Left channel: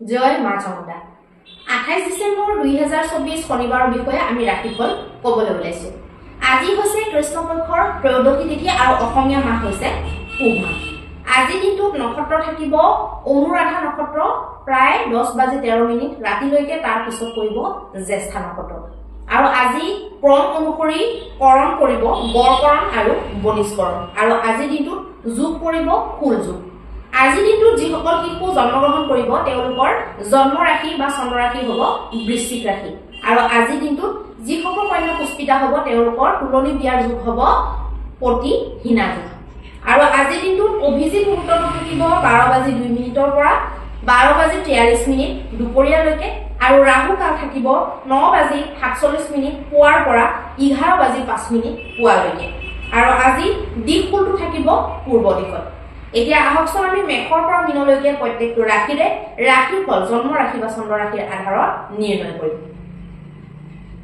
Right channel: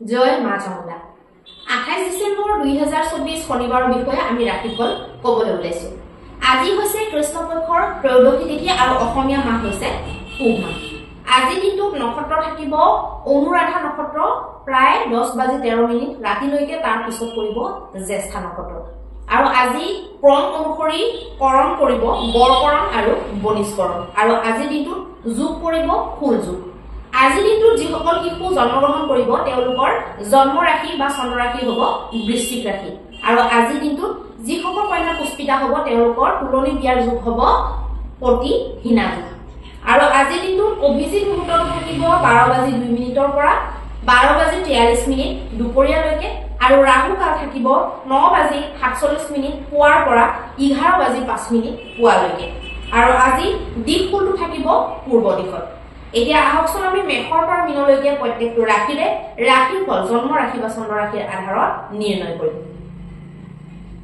জয় মা চামুণ্ডা। 28 ডিসেম্বৰ 2024 শনিবাৰৰ বিষয়ে আমি ৰাশিফল ক'বলৈ ওলাইছো। আজি হৈছে কৃষ্ণপক্ষৰ ত্ৰয়োদশী তিথি আৰু অসমীয়া মাহ হৈছে পুহ মাহ। আজি দিনটোত নক্ষত্ৰ থাকিব অনুৰাধা নক্ষত্ৰ প্ৰায় 10:13 ৰাতিলৈকে, তাৰ পিছত কৰিব জ্যেষ্ঠা নক্ষত্ৰ। আৰু আজি ক্ৰম অনুসৰি কৰণ কৰিব বৰকৰণ আৰু বনিষ্কৰণ। আৰু আজি দিনটোত যোগ কৰিব ফুল যোগ। আজি দিনটোত যিসকল শিশু জন্মগ্ৰহণ কৰিব তেওঁলোকৰ জন্ম ৰাশি বা চন্দ্ৰ ৰাশি হ'ব বৃশ্চিক ৰাশি। আৰু আজি দিনটোত যিসকল কন্যা পুষ্পিতা হ'ব তেওঁলোকৰ তুলনি বিয়াৰ যোগ হ'ব প্ৰতিহিনা যোগ। আৰু আজি দিনটোত অভিজিত মুহূৰ্তটো থাকিব 12:02 পৰা 12:43 দুপৰীয়ালৈকে। আৰু ৰাহু কাল থাকিব 9:47 পুৱাৰ পৰা 11:05 পুৱালৈকে। আৰু আজি দিক ফুলটো থাকিব পূৰ্ব দিশত। এতিয়া আহকচোন আমি মেষৰ পৰা মীনলৈকে প্ৰত্যেকটো ৰাশিৰে ৰাশিফল জন্ম ৰাশি বা চন্দ্ৰ ৰাশিৰ আধাৰত নিৰ্ণয় কৰিম।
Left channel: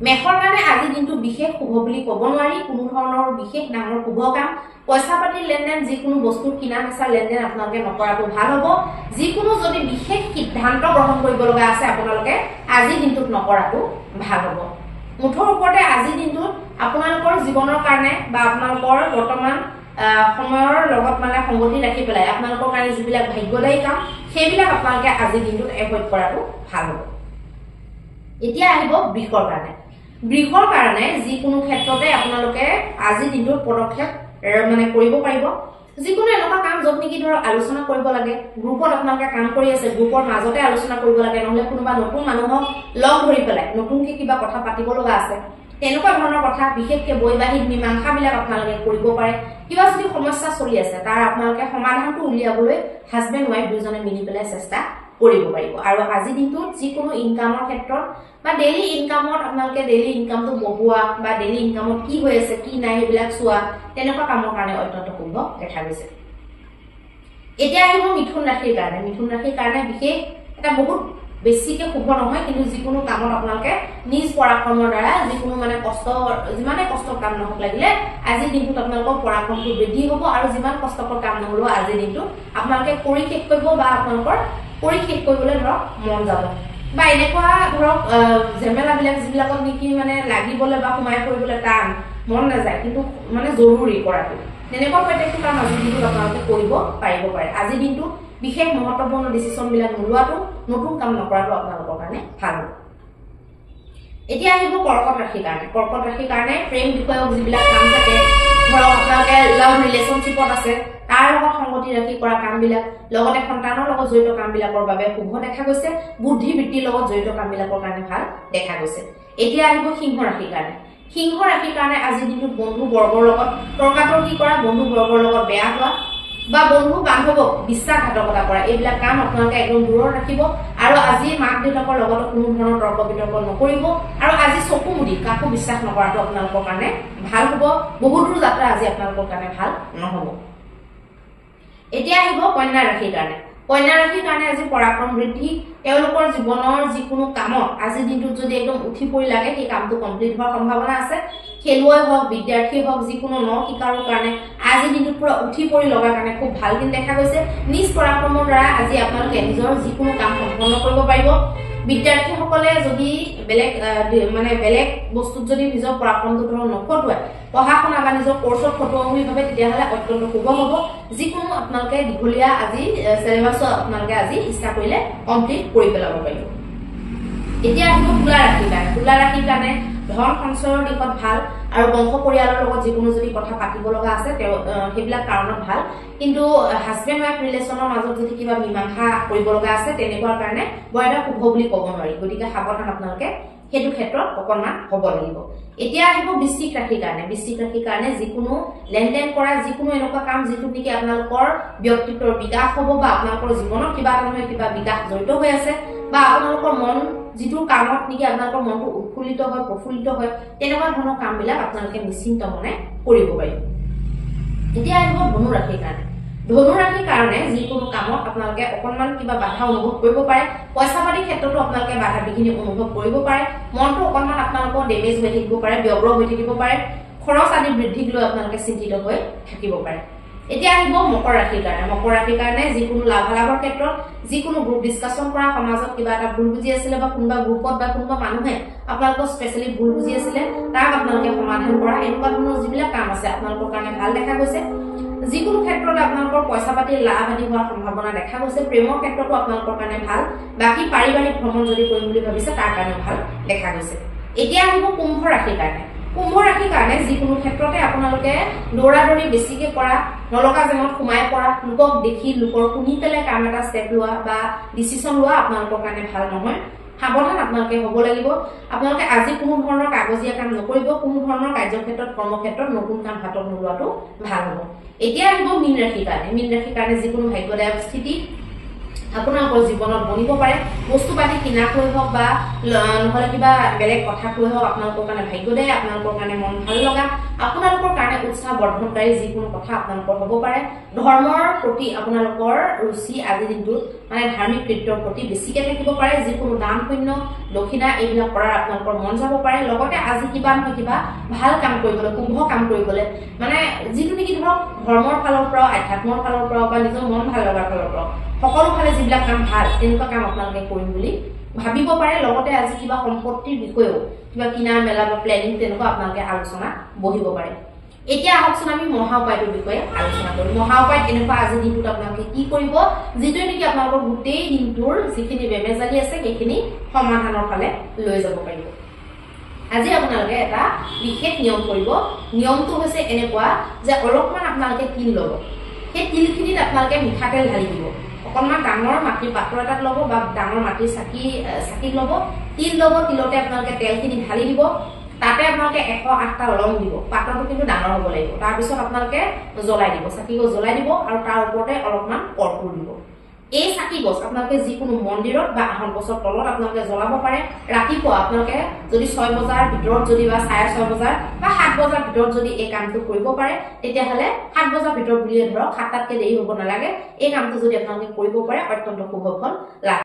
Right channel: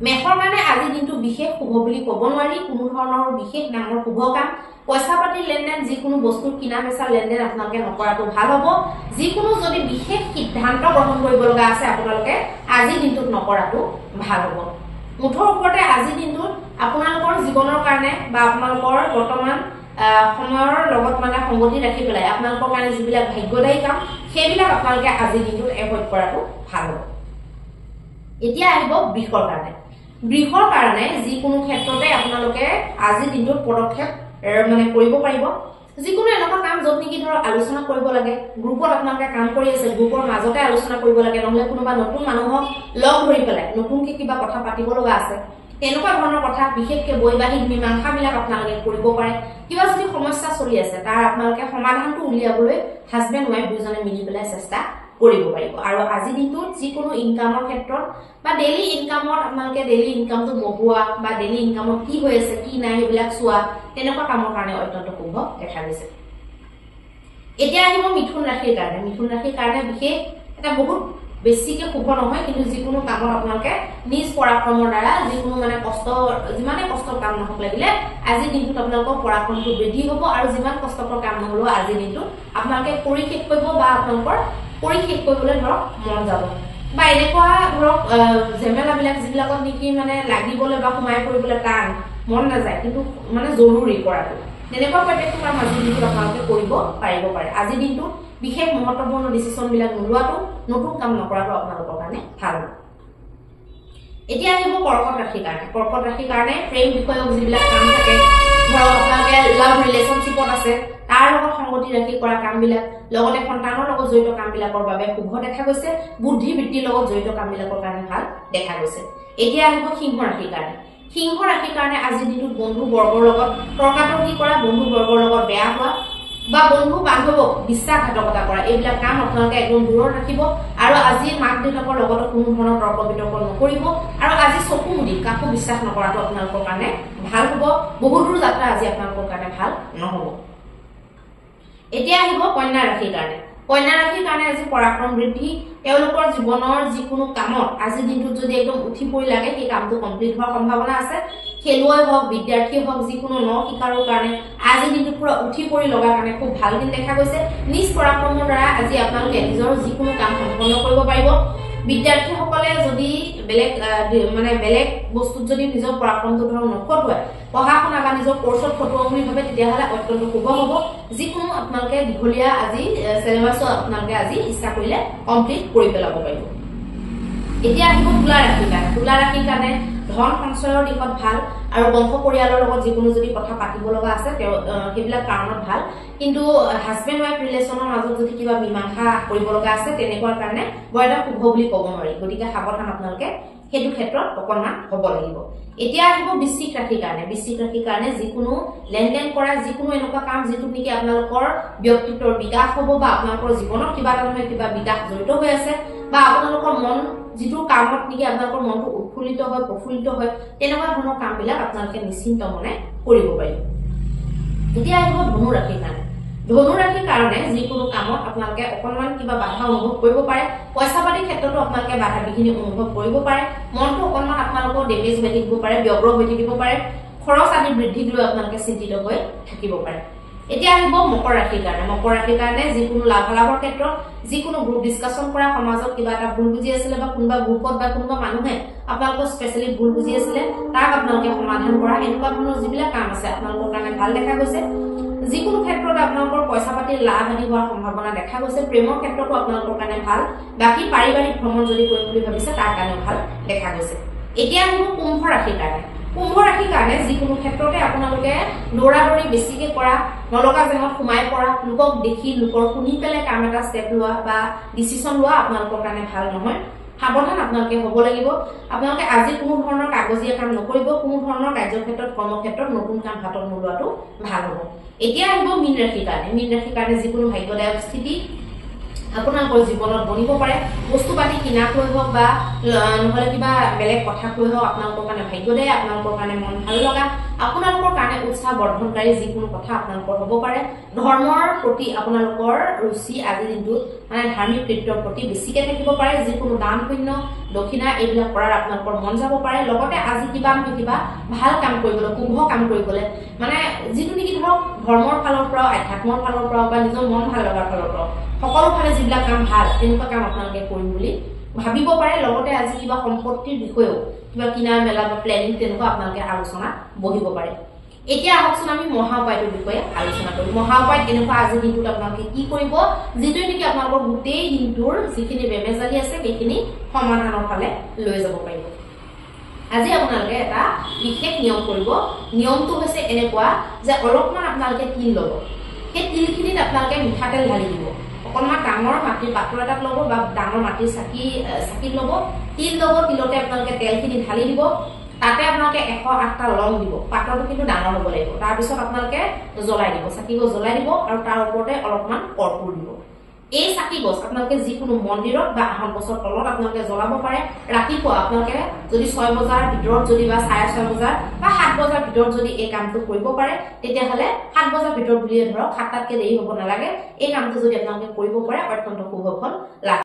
মেষৰ কাৰণে আজি দিনটো বিশেষ শুভ বুলি ক'ব নোৱাৰি। কোনো ধৰণৰ বিশেষ ডাঙৰ শুভ কাম, পইচা পাতিৰ লেনদেন, যিকোনো বস্তু কিনা বেচা লেনদেন আপোনালোকে নকৰাটো ভাল হ'ব। যিকোনো যদি বিশেষ সিদ্ধান্ত গ্ৰহণ কৰিব লগা আছে আপোনালোকে আজি দিনটোত নকৰাটো ভাল হ'ব। মুঠৰ ওপৰতে আজি দিনটোত আপোনালোকৰ জীৱনৰ কাৰণে বা আপোনালোকৰ বৰ্তমান সময়ৰ লগত সংগতি ৰাখি পেলাই আপোনালোকৰ কাৰণে যিবিলাক ভাগ্যদায়ী কাম সেইবিলাক আপোনালোকে আজি দিনটোত এভইড কৰাটো ভাল হ'ব। এতিয়া আহিব বৃষৰ কাৰণে। বৃষৰ কাৰণে যিকোনো ক্ষেত্ৰতে আপোনালোকে আজি দিনটোত পদক্ষেপ কৰিব পাৰিব। যিকোনো এনেকুৱা কাম য'ত নেকি ধৰক আলোচনা কৰিব লাগে, গ্ৰুপত আপোনালোকে কাম কৰি আছে, গ্ৰুপৰ মাজতে আলোচনা কৰিব লাগে, নহলে কোনোবা নতুন মানুহক লগ ধৰি পেলাই নতুনকে কিবা কথা পাতিব লগা আছে, তেনেকুৱা ধৰণৰ কথা, বিশেষকে বৈবাহিক মীমাংসাবিলাক আপোনালোকে কৰিব পাৰে। কিবা যদি সমস্যা চলি আছে তাৰ আপোনালোকে সমাধানটো উলিয়াবলৈ হাজবেণ্ড ৱাইফ দুজনে মিলি পেলাই চেষ্টা কৰিব পাৰিব। আৰু আজি দিনটোত যিকোনো ইনকামৰ ক্ষেত্ৰত বা ডেইলি ইনকামত আপোনালোকে ডেইলি ইনকামটো বঢ়োৱা বা ডেইলি ইনকামত কি হৈ আছে কি নাই সেইবিলাক চোৱা, তেনেকুৱা কামৰ কাৰণে অত্যন্ত শুভ দেখা গৈছে। এতিয়া আহিব মিথুন ৰাশিৰ কাৰণে। মিথুন ৰাশিৰ কাৰণে বিশেষ এটা বহুত বেছিকে শুভ নহয়, কিন্তু যিকোনো কামত আপোনালোকে নিজ পৰাক্ৰমৰ দ্বাৰা যিকোনো কষ্ট, যিমানে কষ্টৰ কাম নহওক লাগিলে আজিৰ দিনটোত আপোনালোকৰ পৰাক্ৰমটো বৃদ্ধি হ'ব। আৰু যিমান কষ্টকৰ কাম নহলেও আজিৰ দিনটোত আপোনালোকে কৰি শেষ কৰিব বা আপোনালোকৰ কৰি শেষ কৰিবলৈ ধৰক মন যাব। বা এনেকুৱা ধৰক ঝেমেলাবিলাক যিবিলাকত নেকি লাগিবলৈ বা সোমাই পৰিবলৈ টান, মন নাযায়, কিন্তু জৰুৰী কৰাটো, তেনেকুৱা প্ৰত্যেকটো কাম আজিৰ দিনটোত আপোনালোকে কৰিব পাৰিব পাৰে। আজিৰ দিনটোত বিশেষ মহত্বপূৰ্ণ ডিচিশ্যন বিলাক নোলোৱাটো, নতুন কাম নকৰাটো আপোনালোকৰ কাৰণে ভাল হ'ব। এতিয়া আহিব কৰ্কট ৰাশিৰ কাৰণে। কৰ্কট ৰাশিৰ কাৰণে প্ৰেম বিষয়ক যিবিলাক কাম থাকে, ধৰক আপোনালোকে লাভ ৰিলেশ্যনশ্বিপত আছে তাৰ লগত সংগতি ৰাখি কৰা কামবিলাক, লগতে সন্তানৰ লগত জড়িত কামবিলাকৰ বাবে শুভ দেখা গৈছে। বুদ্ধি বৃত্তিৰ লগত জড়িত কামবিলাকৰ কাৰণে ভাল দেখা গৈছে। এতিয়া আহিব সিংহ ৰাশিৰ কাৰণে। সিংহ ৰাশিৰ কাৰণে আজিৰ দিনটোত বন্ধু বৰ্গৰ লগত তৰ্কাতৰ্কি কৰা, বন্ধু বৰ্গৰ লগত বেয়া হোৱা বা বন্ধু বান্ধৱক বিশ্বাসঘাতকতা কৰা, এইবিলাক কাম আপোনালোকে একদম দূৰত ৰাখিব। আৰু আজি মাক দেউতাকৰ লগত কোনো ধৰণৰ তৰ্ক বিতৰ্ক নকৰিব। আৰু আজি চকু মুদি কাকো বিশ্বাস নকৰাটো আপোনালোকৰ কাৰণে ভাল হ'ব। বহুদূৰ যাত্ৰা আজি আপোনালোকৰ কাৰণে ভাল নহ'ব। এতিয়া আহিব কন্যা ৰাশিৰ কাৰণে। কন্যা ৰাশিৰ কাৰণে আজি পৰাক্ৰম বৃদ্ধি। তেওঁলোকৰ জীৱনৰ যিকোনো কামত আজিৰ দিনটোত যদি একদম উঠি পৰি লাগে সেই কামটো কমপ্লিট হোৱাৰ সম্ভাৱনা আছে। খেলুৱৈ হওক, বিদ্যাৰ্থী হওক, যিকোনো ন শিকাৰৰ কাৰণে আজিৰ দিনটোত পুৰা উঠি পৰি লগাৰ কাৰণে খুব ভাল দিন দেখা গৈছে। নিজ পৰাক্ৰমৰ দ্বাৰা আজি আপোনালোকে নিজৰ যিকোনো কাম সম্পন্ন কৰিব পাৰিব। বিদ্যাৰ্থীসকলে যদি বেলেগ বস্তুত যদি নিজৰ পৰাক্ৰমটো ধৰক নখটুৱাই পঢ়া শুনা বা নিজৰ কৰ্চত খটুৱাও বুলি ভাবে, তেতিয়াহ'লে অত্যন্ত শুভ হ'ব। যিকোনো আপোনালোকে দীঘলীয়া আজি চিলেবাছো আপোনালোকে আজি ইচ্ছা কৰিলে কমপ্লিট কৰি পেলাব পাৰিব। এতিয়া আহিব তুলা ৰাশিৰ কাৰণে। তুলা ৰাশিৰ কাৰণে ধন সঞ্চয়ৰ দিশত ভাল। আৰু বংশ পৰিয়ালৰ লগত যিকোনো যদি কথা পাতিব লগা আছে সেইবিলাক কাৰণত ভাল। কিন্তু হাজবেণ্ড ৱাইফ ৰিলেশ্যনৰ মাজত যদি কিবা মীমাংসা কৰিব লগা আছে তেনেকুৱা কাৰণে বৰ এটা শুভ বুলি ক'ব নোৱাৰি। গতিকে সাৱধান আপোনালোকে সেইটো ক্ষেত্ৰত অকণমান হ'ব লাগিব। এতিয়া আহিব বৃশ্চিক ৰাশিৰ কাৰণে। বৃশ্চিক ৰাশিৰ কাৰণে যিকোনো লেনদেন কৰা, যিকোনো এনেকুৱা কাম যিটোত নেকি আপোনালোকৰ ব্যক্তিত্বৰ বিকাশ হ'ব বা আপোনালোকৰ জীৱনত কিবা এটা নহয় কিবা বিকাশ জড়িত হৈ আছে, বা আপোনালোকৰ মন যিটো কামত নেকি আপোনালোকৰ মনটো উৎফুল্লিত হয়, প্ৰফুল্লিত হয়, তেনেকুৱা ধৰণৰ কামবিলাক আপোনালোকে নিশ্চিন্ত মনে কৰিব পাৰিব। এতিয়া আহিব ধনু ৰাশিৰ কাৰণে। ধনু ৰাশিৰ কাৰণে যিকোনো কামত আপোনালোকে অকণমান কিবা বাধা অনুভৱ কৰিব পাৰে। পইচা পাতিৰ ক্ষেত্ৰতো আপোনালোকে বাধা বিঘিনি অনুভৱ কৰিব পাৰে। মনটো অকণমান আপোনালোকৰ ডেমেজ হৈ থাকিব পাৰে, ব্যগ্ৰ হৈ থাকিব পাৰে। খৰচ আদি বৃদ্ধিক লৈ আপোনালোকে চিন্তিত হৈ থাকিব পাৰে। এতিয়া আহিব মকৰ ৰাশিৰ কাৰণে। মকৰ ৰাশিৰ কাৰণে যিকোনো লাভালাভৰ ক্ষেত্ৰত যিকোনো গ্ৰুপ ডিসকাশন কৰা, সমাজত কিবা এটা ভুল বুজি আছিলে বা কোনোবা গ্ৰুপত বা কোনোবা মানুহে আপোনালোকক স্পেশালি ভুল বুজি আছিলে তাক আপোনালোকে সমাধান কৰা, এনেকুৱা ধৰণৰ যিবিলাক কাম আছে আপোনালোকৰ কাৰণে ভাল দেখা গৈছে। যিকোনো ক্ষেত্ৰত আপোনালোকৰ পইচা পাতি লাভ আদি হোৱাৰ সম্ভাৱনা দেখা গৈছে। প্ৰেমৰ ক্ষেত্ৰতো আপোনালোকৰ কাৰণে ভাল। বাকি পাৰিবাৰিক ভ্ৰমণ যদি কৰিম বুলি ভাবিছে তাৰ কাৰণে ভাল দেখা গৈছে। এতিয়া আহিব কুম্ভ ৰাশিৰ কাৰণে। কুম্ভ ৰাশিৰ কাৰণে যিকোনো ক্ষেত্ৰতে আপোনালোকে দৌৰাদৌৰি বেছিকে কৰা, নলগা জেঙত সোমাই পৰা, লোকক দেখি লোকৰ শুনি পেলাই কাম এটা ষ্টেপ লোৱা বা ডিচিশন লোৱা আপোনালোকৰ কাৰণে ভাল নহয়। সাৱধান আপোনালোকে হ'ব লাগিব। আপোনালোকে আজি কোনো ধৰণৰ কাগজীয়া কাম নকৰিব, কোনো ধৰণৰ কাৰ্যক্ষেত্ৰত কৰ্মক্ষেত্ৰত নতুন কাম হাতত নোলোৱাটো ভাল হ'ব। এতিয়া আহিব মীন ৰাশিৰ কাৰণে। মীন ৰাশিৰ কাৰণে যিকোনো ভাগ্যদায়ক স্থিতি আপোনালোকৰ জীৱনত বনিব পাৰে। বস্তু পাতি কিনাকৈ হওক বা নহলে কিবা বেলেগ কথা কৈ হওক আপোনালোকৰ কাৰণে ভাগ্যদায়ী, আপোনালোকৰ কাৰণে মন ভাল লগা, আপোনালোকৰ কাৰণে উৎসাহ বৰ্ধনকাৰী যিকোনো কথা আপোনালোকৰ হ'ব পাৰে। ধৰ্মৰ প্ৰতি আপোনালোকৰ ৰুচি আজিৰ দিনটোত মানে ধাৰ্মিক কৃত্যৰ প্ৰতি বেছিকে থাকিব পাৰে। যিকোনো দান পুণ্য দক্ষিণা এইবিলাক কৰাৰ আপোনালোকৰ মন যাব পাৰে। লগতে আজি কিবা নহয় কিবা ভাল কাম কৰিবলৈ, শুভ কাম কৰিবলৈ, মানে যিটো নেকি ধৰক ধৰ্মৰ ফালৰ পৰাও, আধ্যাত্মৰ ফালৰ পৰাও বা নিজৰ মন ভাল লগাৰ ফালৰ পৰাও সকলো ফালে যিবিলাক কাম ভাল তেনেকুৱা কাম আপোনালোকে কৰিম বুলি ভাবিব পাৰে। লগতে আজি কিবা সম্পত্তিৰ বিষয়েও কিবা কিনা মেলা বা প্লেনিং তেনেকুৱা আপোনালোকে আলোচনা বহিব পাৰে। এতিয়া আহকচোন আমি মহা উপায়টোৰ বিষয়ে আলোচনা কৰিম। মহা উপায় এনেকুৱা আজিৰ দিনটোত আপোনালোকে কি কৰিব যিটোৱে নেকি আপোনালোকৰ গোটেই দিনটোৰ যিখিনি বেমেজালি আছে সেইখিনি সমাধানৰ ফালে লৈ যাব পাৰিব। আজি আপোনালোকে এটা বিশেষ নিয়ম কৰিব। নিয়মটো হৈছে এনেকুৱা যে অলপমান আপোনালোকে তিল ল'ব। সেই তিলখিনিত আপোনালোকে মিঠাতেল ঢালি দিব। অকণমান ডাঙৰ মাটিৰ পাত্ৰ এটাত ল'ব বা ডাঙৰ মাটিৰ চাকিত ল'ব, তিল ল'ব। তিলতে আপোনালোকে তেলখিনি ঢালি দিব। তাতে আপোনালোকে 108টা লং দিব। পাত্ৰটো কিন্তু ডাঙৰ হ'ব লাগিব। তাৰপিছত আপোনালোকে জ্বলাই দিব, চাকি গছ জ্বলাই দিব আৰু তাৰ ওপৰতে অলপমান কৰ্পূৰ দিব। এই চাকি গছ আপোনালোকে যিকোনো মন্দিৰত বা আহত গছৰ তলত আপোনালোকে জ্বলাব পাৰে। ৰাতিপুৱা আপোনালোকে যদি 6 বজাৰ ভিতৰত যদি বা 6:30 বজাৰ বা 7 বজাৰ ভিতৰত যদি এই কামটো কৰিব পাৰে তেতিয়াহ'লে 7 বজাৰ ভিতৰত বুলিয়ে ধৰক 7টাতকৈ দেৰি হ'ব নালাগে। এই কামটো যদি আপোনালোকে কৰিব পাৰে অত্যন্ত শুভ ফল লাভ